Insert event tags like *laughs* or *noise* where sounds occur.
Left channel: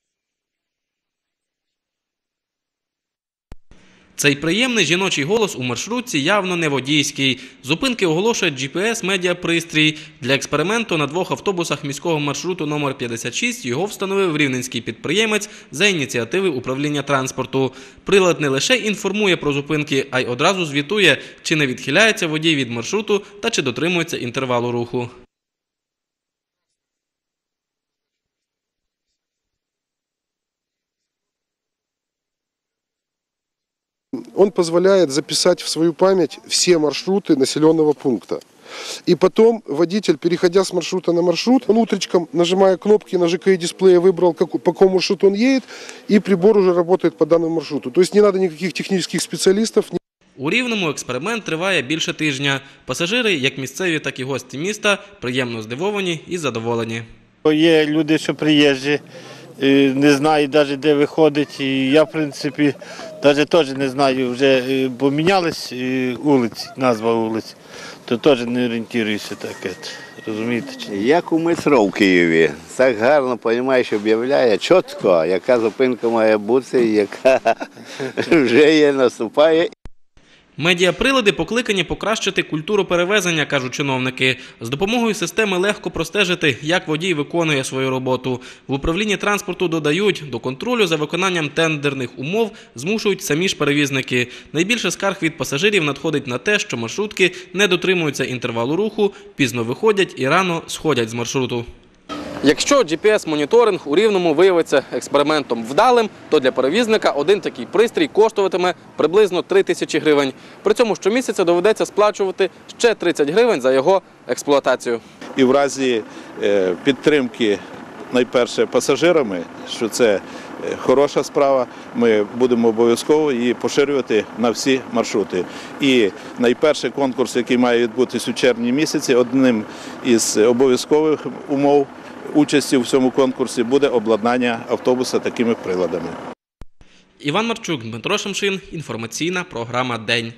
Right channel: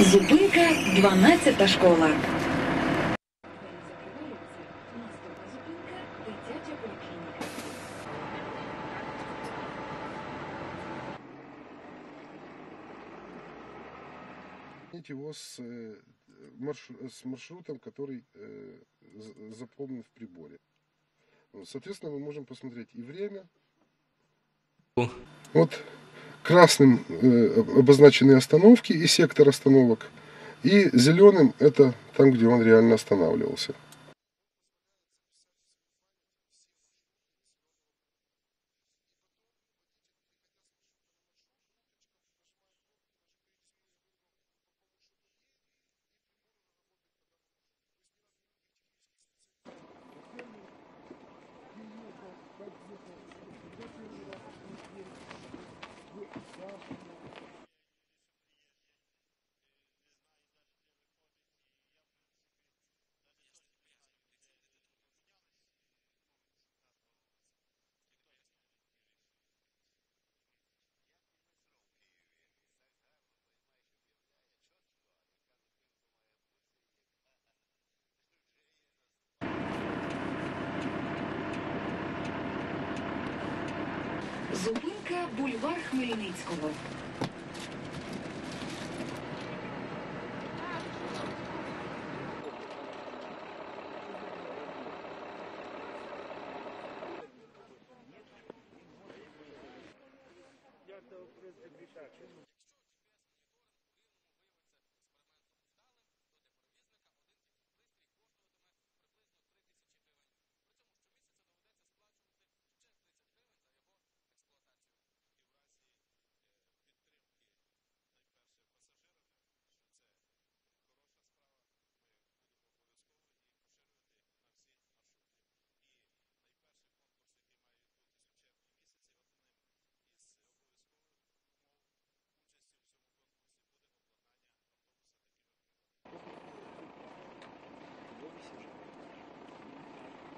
Зупинка 12 школа. Цей приємний жіночий голос у маршрутці явно не водійський. Зупинки оголошує GPS-медіапристрій. Для експерименту на двох автобусах міського маршруту номер 56 його встановив рівненський підприємець за ініціативи управління транспорту. Прилад не лише інформує про зупинки, а й одразу звітує, чи не відхиляється водій від маршруту та чи дотримується інтервалу руху. Вот красным э, обозначены остановки и сектор остановок. И зеленым это там, где он реально останавливался. Он позволяет записать в свою память все маршруты населенного пункта. И потом водитель, переходя с маршрута на маршрут, он утречком, нажимая кнопки на ЖКИ-дисплее, выбрал, как- по какому маршруту он едет, и прибор уже работает по данному маршруту. То есть не надо никаких технических специалистов, У Рівному експеримент триває більше тижня. Пасажири, як місцеві, так і гості міста, приємно здивовані і задоволені. Є люди, що приїжджі, е, не знають навіть де виходить. І я, в принципі, навіть теж не знаю, вже е, бо мінялись е, вулиці, назва вулиць, то теж не орієнтуюся таке. Розумієте? Як у метро в Києві. Так гарно, розумієш, об'являє чітко, яка зупинка має бути, яка *laughs* вже є, наступає. Медіаприлади покликані покращити культуру перевезення, кажуть чиновники. З допомогою системи легко простежити, як водій виконує свою роботу. В управлінні транспорту додають, до контролю за виконанням тендерних умов змушують самі ж перевізники. Найбільше скарг від пасажирів надходить на те, що маршрутки не дотримуються інтервалу руху, пізно виходять і рано сходять з маршруту. Якщо GPS-моніторинг у Рівному виявиться експериментом вдалим, то для перевізника один такий пристрій коштуватиме приблизно 3 тисячі гривень. При цьому щомісяця доведеться сплачувати ще 30 гривень за його експлуатацію. і в разі е, підтримки найперше пасажирами, що це е, хороша справа, ми будемо обов'язково її поширювати на всі маршрути. І найперший конкурс, який має відбутись у червні місяці, одним із обов'язкових умов участі в цьому конкурсі буде обладнання автобуса такими приладами. Іван Марчук, Дмитро Шамшин, інформаційна програма День.